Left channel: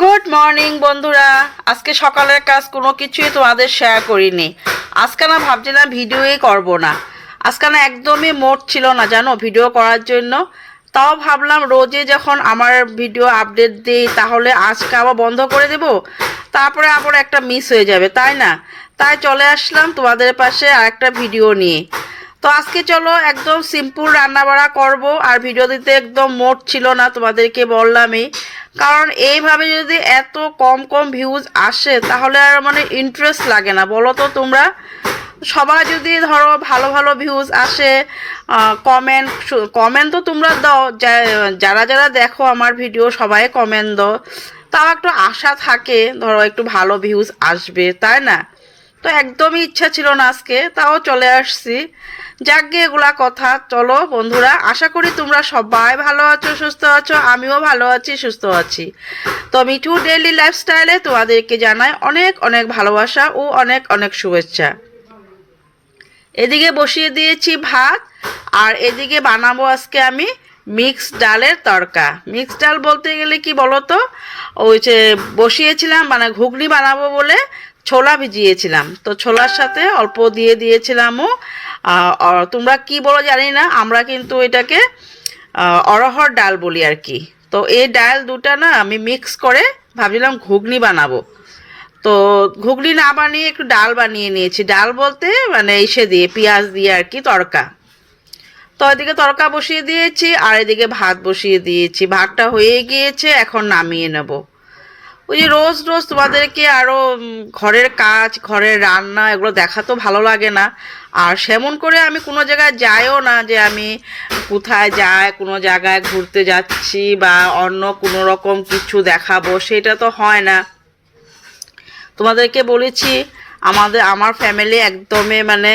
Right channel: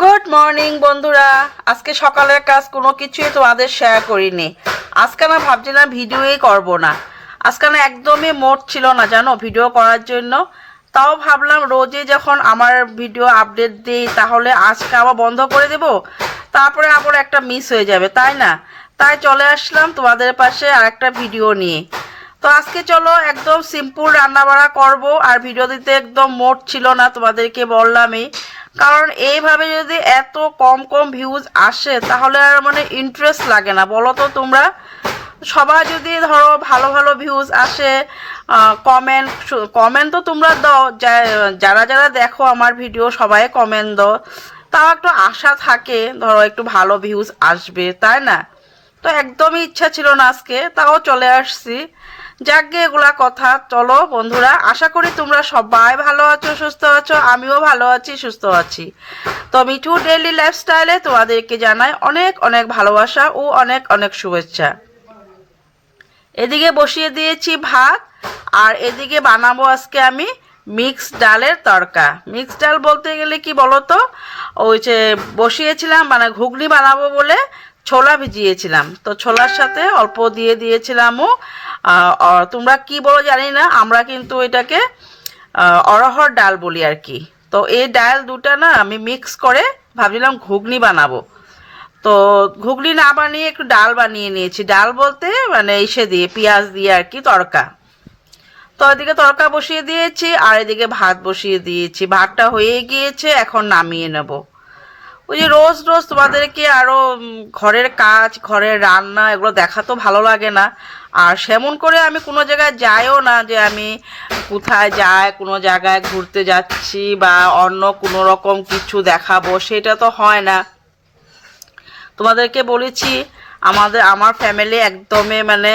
Good morning বন্ধুরা। আজকে সকালের কাজ কোনো কিছুই তোমাদের শেয়ার করিনি। আজকে না ভাবছিলাম ভিডিওই করব না। আজকে না একদমই মোট ছিল না, জানো, ভিডিও করার জন্য। তাও ভাবলাম রোজে যখন আমার ভিডিও আপডেট দিই, তাহলে আজকে আবার বন্ধ করে দেব। তারপরে আবার একটা মিস হয়ে যাবে, তাই না? তাই চলে আসলাম তোমাদের পাশে আর একটা ভিডিও নিয়ে। তো আজকে চলো একদম সিম্পল রান্নাবাড়া করব, আর ভিডিও দিতে একদম মোট ছিল না তোমাদেরকে বললামই। কারণ এইভাবে যদি এত কম কম ভিউজ আসে, তাহলে আর মানে ইন্টারেস্ট লাগে না। বলো তো তোমরা? সবাই যদি ধরো ভালো ভালো ভিউজ আসে কমেন্ট কমেন্ট তো তোমরা দাও। যারা যারা দেখো আমার ভিডিও সবাই কমেন্ট দাও। তাও একটু আশা থাকে, ধরো একটু ভালো ভিউজ আসবে, তাই না? তো একদমই ইচ্ছা ছিল না আজকে, তাও চলে আসছি। যাকে এগুলা কথা, চলো বন্ধুরা, আশা করি তোমরা সবাই ভালো আছো, সুস্থ আছো, আমিও ভালো আছি, সুস্থ আছি। তো মিঠু ডেইলি লাইফস্টাইলে তোমাদেরকে জানাই অনেক অনেক ভালোবাসা ও অনেক অনেক শুভেচ্ছা। এদিকে বসিয়ে দিয়েছি ভাত, আর এদিকে বানাবো আজকে আমি মিক্স ডালের তড়কা। মিক্স ডাল বলতে গেলে কি বলো তো ওই যে বসিয়েছিলাম মানে ঘুগনি বানাবো বলে ছোলা ভিজিয়েছিলাম। তো ছোলার সাথে অল্প দিয়ে দিয়েছিলামও তোমরা কি বলো জানি না, আমরা কিন্তু এটাকে অরহর ডাল বলি আর কি। তো এই ডাল দুটা না আমি মিক্স করে ভাবছিলাম ঘুগনি বানাবো। তো ঘুগনি না বানিয়ে একটু ডাল বানিয়ে নিয়েছি। ডাল বলতে মানে ইসে দিয়ে, পেঁয়াজ দিয়ে আর কি তড়কা তো এদিকে তড়কা বসিয়ে দিয়েছি, আর এদিকে ভাত বসিয়ে দিয়েছি। ভাতটা হয়ে গিয়েছে, এখন নামিয়ে নেব। ওই যে রোজ রোজ তোমাদেরকে আরও ঘরের কাজ, ঘরের রান্না, এগুলো দেখা তো ভালো লাগে না। আর সেমন করে আমি কোনো জায়গায় যাইও না যে আমি কোথায় যাই, কোনো জায়গায় ঘুরতে যাচ্ছি বা অন্য কোনো রকম কিছু দেখাবো, সেটা তো হয় না। তোমাদেরকে বলেছি, আমাদের, আমার ফ্যামিলি একদমই মানে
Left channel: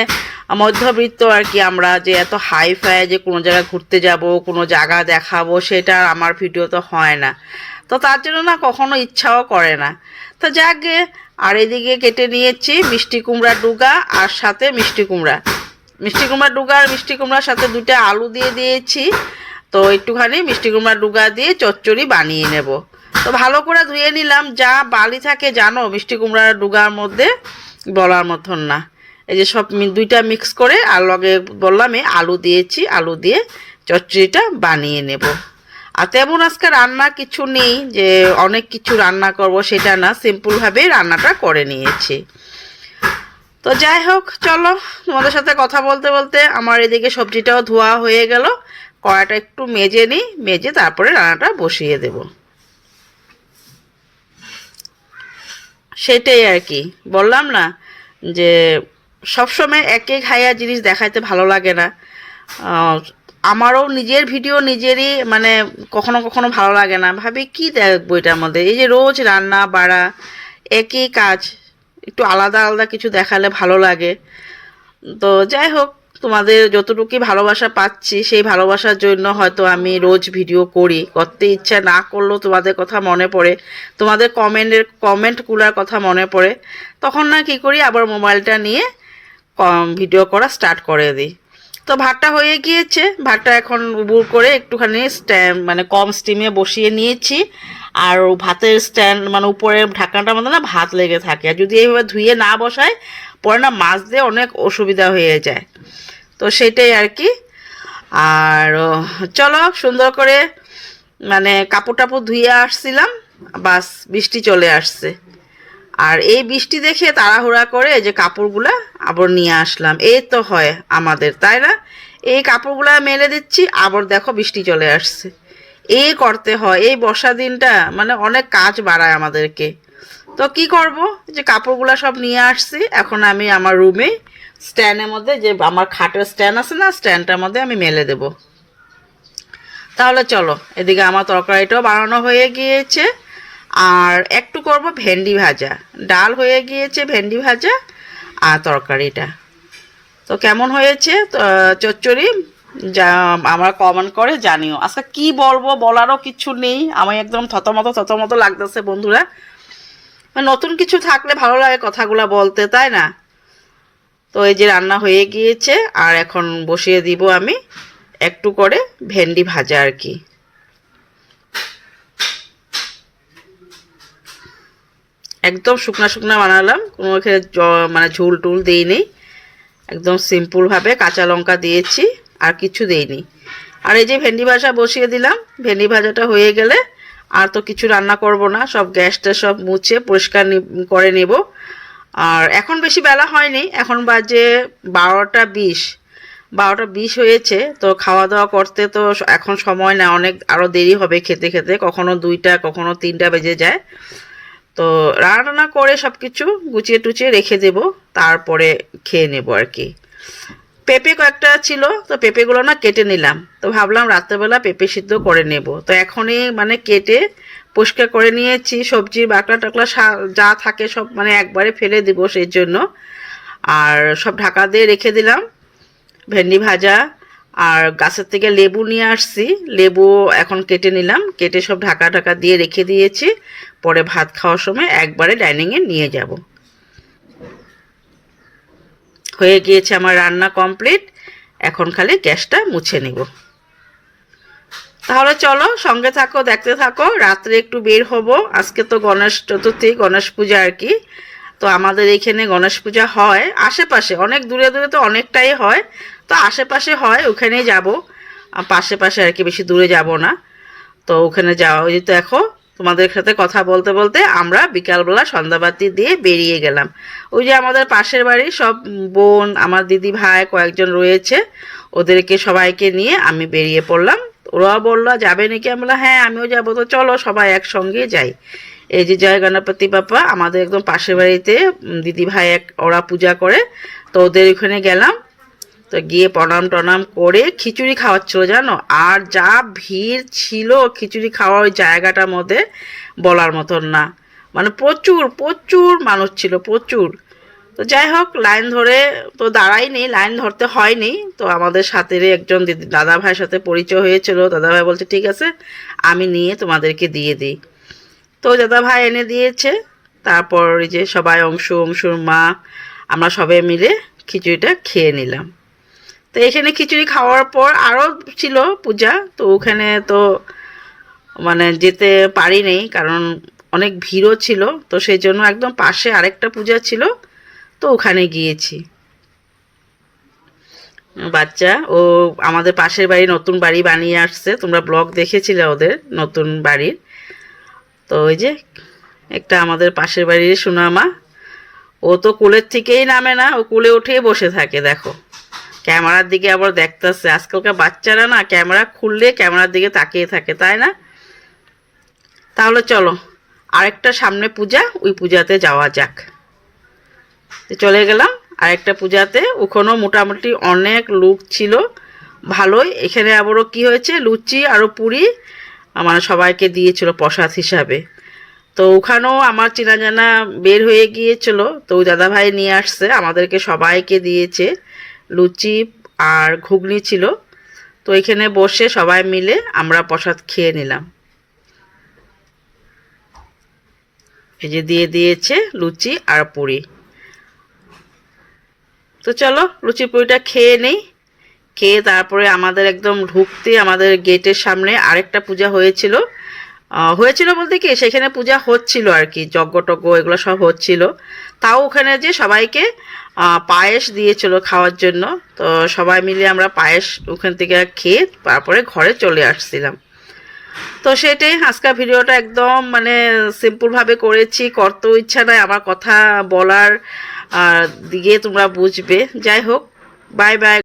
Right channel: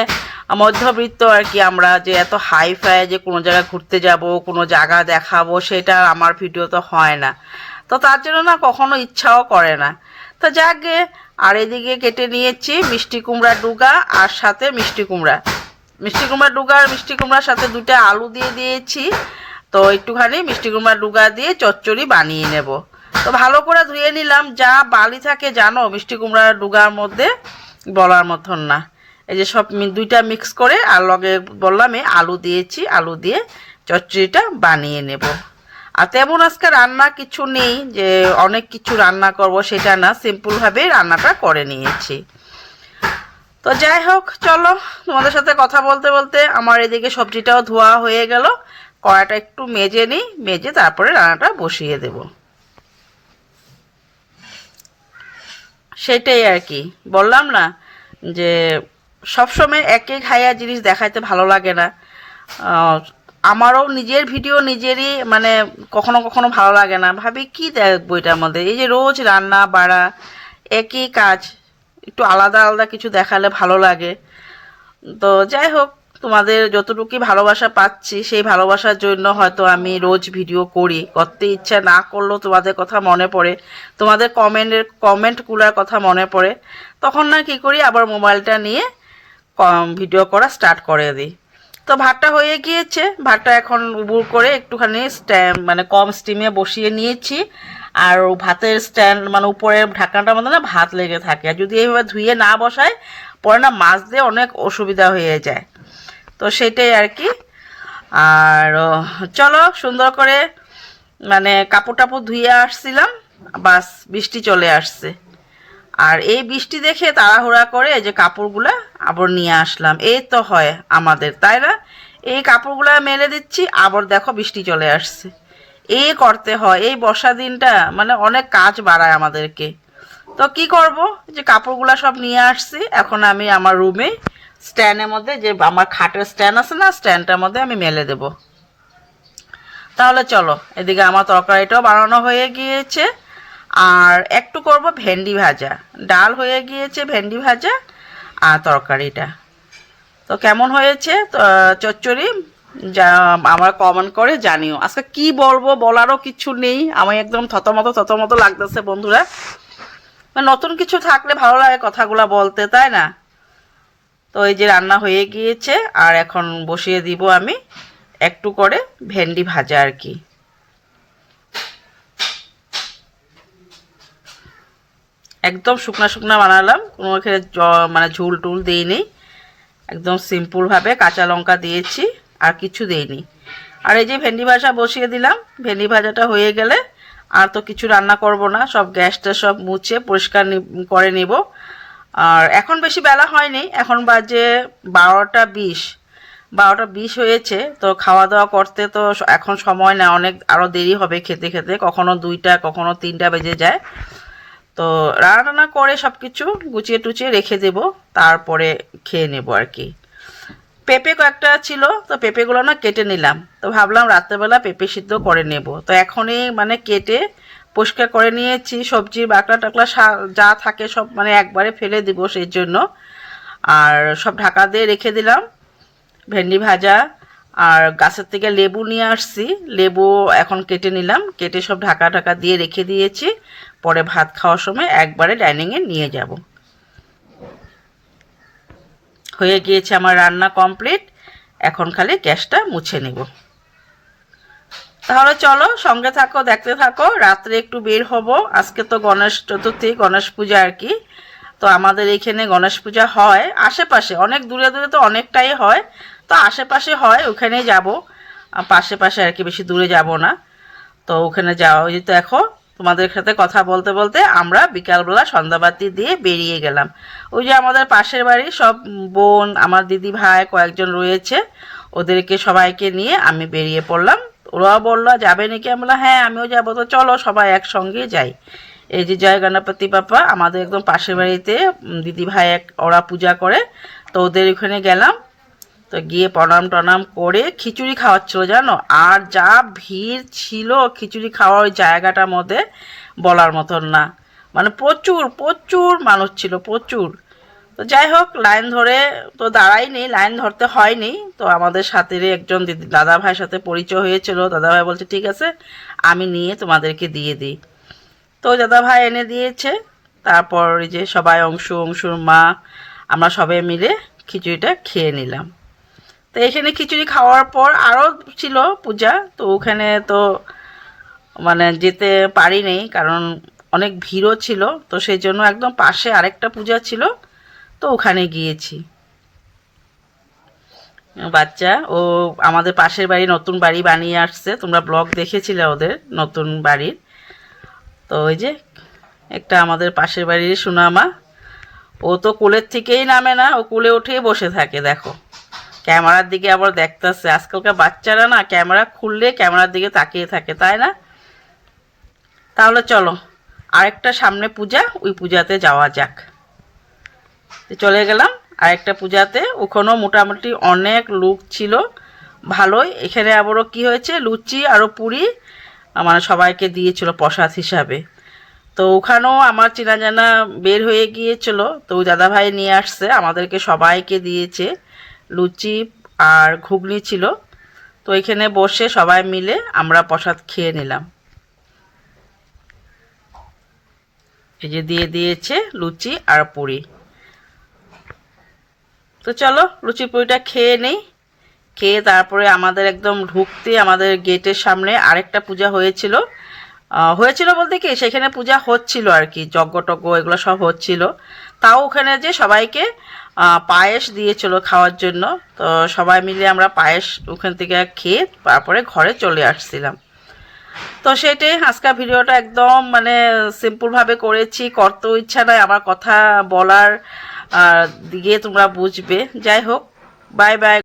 মধ্যবিত্ত আর কি আমরা, যে এত হাই ফাই যে কোনো জায়গায় ঘুরতে যাব, কোনো জায়গা দেখাবো, সেটা আমার ভিডিও তো হয় না। তো তার জন্য না কখনো ইচ্ছাও করে না। তো যাকে আর এদিকে কেটে নিয়েছি মিষ্টি কুমড়া ডুগা আর সাথে মিষ্টি কুমড়া। মিষ্টি কুমড়া ডুগা আর মিষ্টি কুমড়ার সাথে দুটো আলু দিয়ে দিয়েছি। তো একটুখানি মিষ্টি কুমড়া ডুগা দিয়ে চচ্চড়ি বানিয়ে নেব। তো ভালো করে ধুয়ে নিলাম। যা বালি থাকে জানো, মিষ্টি কুমড়ার ডুগার মধ্যে বলার মতন না। এই যে সব দুইটা মিক্স করে আর লগে বললাম আলু দিয়েছি। আলু দিয়ে চচ্চড়িটা বানিয়ে নেব। আর তেমন আজকে রান্না কিছু নেই যে অনেক কিছু রান্না করব সেটা না সিম্পলভাবেই রান্নাটা করে নিয়েছি। তো যাই হোক, চলো তোমাদের সাথে কথা বলতে বলতে আমার এদিকে সবজিটাও ধোয়া হয়ে গেল কড়াটা একটু মেজে নিই, মেজে তারপরে রান্নাটা বসিয়ে দেব। সেটাই আর কি, বললাম না যে সবসময় একে খাইয়া জিনিস দেখাইতে ভালো লাগে না। আমারও নিজের ভিডিও নিজেরই মানে কখনো কখনো ভালো লাগে না। ভাবি, কি দেখব এটার মধ্যে? এই যে রোজ রান্না, বাড়া, একই কাজ, একটু আলাদা আলাদা কিছু দেখালে ভালো লাগে। তো যাই হোক, তোমাদের যতটুকুই ভালোবাসা পাচ্ছি, সেই ভালোবাসার জন্য হয়তো আমি রোজ ভিডিও করি। করতে ইচ্ছা না করলেও তোমাদের কথা মনে পড়ে। তোমাদের কমেন্টের, কমেন্টগুলোর কথা মনে পড়ে। তখন না কি করি, আবার মোবাইলটা নিয়ে ভিডিও করা স্টার্ট করে দিই। তো ভাতটা হয়ে গিয়েছে। ভাতটা এখন উবুর করে একটুখানি স্ট্যান্ড মানে কম স্টিমে বসিয়ে নিয়েছি। আর ভাতের স্ট্যান্ড মানে উপরের ঢাকনাটার মধ্যে না ভাত লেগে থাকে। আর যদি এইভাবে ধুয়ে না বসায়, পরে না মাছ দিয়ে অনেক অসুবিধা হয়ে যায়। তো সেটাই আর কি। আর চলো সুন্দর করে মানে কাপড় টাপড় ধুয়ে আসছিলাম। বাস, বৃষ্টি চলে আসছে। আর এই বৃষ্টি দেখে তাড়াহুড়া করে যে কাপড়গুলা আবার নিয়ে আসলাম। এই তো হয় আমাদের, তাই না? এই কাপড়গুলা মেলে দিচ্ছি, আবার দেখো বৃষ্টি চলে আসছে। এই করতে হয়, এই বর্ষা দিনটা মানে অনেক কাজ বাড়ায় আমাদেরকে। তো কি করব? যে কাপড়গুলা সব নিয়ে আসছি, এখন আমি আমার রুমে স্ট্যান্ডের মধ্যে যে আমার খাটের স্ট্যান্ড আছে না স্ট্যান্ডটার মধ্যে আমি মেলে দেব। তাহলে চলো, এদিকে আমার তরকারিটাও বানানো হয়ে গিয়েছে। আর একটু করব ভেন্ডি ভাজা। ডাল হয়ে গিয়েছে ভেন্ডি ভাজা আর তরকারিটা। তো কেমন হয়েছে? চচ্চড়ি? যা, আমার কমেন্ট করে জানিও। আজকে কি বলব বলারও কিছু নেই। আমি একদম থতমত থতমত লাগতেছে বন্ধুরা। নতুন কিছু থাকলে ভালো লাগে কথাগুলো বলতে, তাই না? তো এই যে রান্না হয়ে গিয়েছে, আর এখন বসিয়ে দিব আমি একটু করে ভেন্ডি ভাজা আর কি। একদম শুকনা শুকনা বানালাম। কোনো এখানে মানে ঝুল টুল দিইনি। একদম সিম্পলভাবে কাঁচা লঙ্কা দিয়েছি, আর কিছু দেইনি। আর এই যে ভেন্ডি ভাজা বসিয়ে দিলাম। ভেন্ডি ভাজাটা হয়ে গেলে আর তো কিছু রান্না করব না। সব গ্যাসটা সব মুছে পরিষ্কার করে নেব। আর এখন বেশি বেলা হয়নি। এখন বাজে বারোটা বিশ। বারোটা বিশ হয়েছে। তো খাওয়া দাওয়া করতে তো এখন সময় না। অনেক আরও দেরি হবে খেতে খেতে। কখনো দুইটা, কখনো তিনটা বেজে যায়। তো রান্না করে সব কিছু গুছিয়ে টুচিয়ে রেখে দেব, তারপরে খেয়ে নেব আর কি। পেঁপে কয়েকটা ছিল, তো পেঁপেগুলো না কেটে নিলাম। তো ভাবলাম রাত্রেবেলা পেঁপে সিদ্ধ করে নেব। তো এখনই মানে কেটে পরিষ্কার করে নিয়েছি, সবজির বাকলা টাকলা যা থাকে সব মানে একবারে ফেলে দিব সেই জন্য। আর সব ঢাকা দিয়ে রেখে দিলাম। ভেন্ডি ভাজা আর গাছের থেকে লেবু নিয়ে আসছি। লেবু এখন কেটে নিলাম। কেটে সব ঢাকা ঢাকা দিয়ে রেখে দিয়েছি। পরে ভাত খাওয়ার সময় একবারে ডাইনিংয়ে নিয়ে যাব। হয়ে গিয়েছে আমার রান্না কমপ্লিট। এখন খালি গ্যাসটা মুছে নিব। তাহলে চলো সঙ্গে থাকো, দেখতে থাকো। রাত্রে একটু বের হব। আজকে তো গণেশ চতুর্থী, গণেশ পূজা আর কি। তো আমাদের এইখানে গণেশ পূজা হয়। আশেপাশে, অনেক দূরে দূরে তো অনেকটাই হয়। তো আশেপাশে হয়, ওখানেই যাব। পাশে পাশে আর কি, বেশি দূরে যাব না। তো ওখানে যাওয়া ওই দেখো, তোমাদের সাথে কথা বলতে বলতে আমরা বিকালবেলা সন্ধ্যাবাতি দিয়ে বেরিয়ে গেলাম। ওই যে আমাদের পাশের বাড়ি, সব বোন, আমার দিদি ভাই, কয়েকজন রয়েছে। ওদেরকে সবাইকে নিয়ে আমি বেরিয়ে পড়লাম। ওরাও বলল, যাবে নাকি? আমি বললাম হ্যাঁ আমিও যাব। তো চলো সবাই একসঙ্গে যাই। এই যে জয় গণপতি বাপ্পা, আমাদের একদম পাশের বাড়িতে দিদি ভাই এক, ওরা পূজা করে। তো ওদের ওখানে গেলাম। তো গিয়ে প্রণাম টনাম করে খিচুড়ি খাওয়াচ্ছিল জানো? আর যা ভিড় ছিল খিচুড়ি খাওয়ার ওই জায়গাটার মধ্যে বলার মতন না। মানে প্রচুর প্রচুর মানুষ ছিল, প্রচুর। তো যাই হোক, লাইন ধরে তো দাঁড়াইনি লাইন ধরতে হয়নি। তো আমাদের সাথে একজন দিদি দাদা ভাইয়ের সাথে পরিচয় হয়েছিল। দাদা ভাই বলছে, ঠিক আছে, আমি নিয়ে তোমাদেরকে দিয়ে দিই। তো দাদা ভাই এনে দিয়েছে। তারপর যে সবাই অংশু অংশুর মা, আমরা সবাই মিলে খিচুড়িটা খেয়ে নিলাম। তো এখানে খিচুড়ি খাওয়ার পর আরও ছিল পূজা, তো ওখানে তো মানে যেতে পারি পারিনি কারণ অনেক ভিড়ও ছিল, তো সেই জন্য একদম পাশে আরেকটা পূজা ছিল, তো ওখানে গিয়েছি। বাচ্চা, ও আমাদের পাশের বাড়ি নতুন বাড়ি বানিয়ে আসছে, তোমরা ব্লগ দেখেছিলে ওদের নতুন বাড়ির। তো ওই যে একটা আমাদের পাশের বাড়ির সুনামা, ও তো কোলের থেকেই নামে না, ও কোলে উঠেই বসে থাকে, দেখো। ক্যামেরার দিকে আবার দেখতেছে। আজকালকার বাচ্চারা না ক্যামেরা খুললে ক্যামেরার দিকে তাকিয়ে থাকে, তাই না? তাহলে চলো, আরেকটা সামনে পূজা, ওই পূজাতে যাওয়া যাক। চলে গেলাম, আরেকটা পূজাতে। ওখানেও মোটামুটি অনেক লোক ছিল, ভালোই। এখানে আবারও কি হয়েছে? লুচি আরও পুরি মানে সবাইকে দিয়েছিল প্রসাদ হিসাবে। তো ওখানেও আমার চেনা জানা বের হয়ে গিয়েছিল। তো দাদাভাই নিয়ে আসছে, আমাদেরকে সবাইকে দিয়েছে। লুচি আর ঘুগনি ছিল। তো এখানে বসে সবাই মিলে আমরা প্রসাদ খেয়ে নিলাম। এই যে দিয়ে দিয়েছে লুচি আর পুরি। তো চলো লুচি পুরিটা খেয়ে নেই। খেয়ে তারপরে আমাদের একদম ঢুকতে আমাদের গেটের সামনে আরেকটা পূজা হয়েছিল। হয়েছিল বলতে কি, সেখানে পূজা হচ্ছিল আর কি যজ্ঞ টজ্ঞ এগুলো সব হচ্ছিল। তাও ওখানে যে সবাইকে পায়েস দিয়েছিল খাওয়ার জন্য। তো সবাই মিলে আমরা পায়েস ওখান থেকে খেয়ে তারপরে ঘরে চলে আসছিলাম। তো সেটাই আজকের ভিডিওটা একদম মানে সিম্পলভাবে করেছি করতেও ইচ্ছা নয় আমার কথা বলার দিকে তোমরা বুঝবে। যাই হোক বাই বাই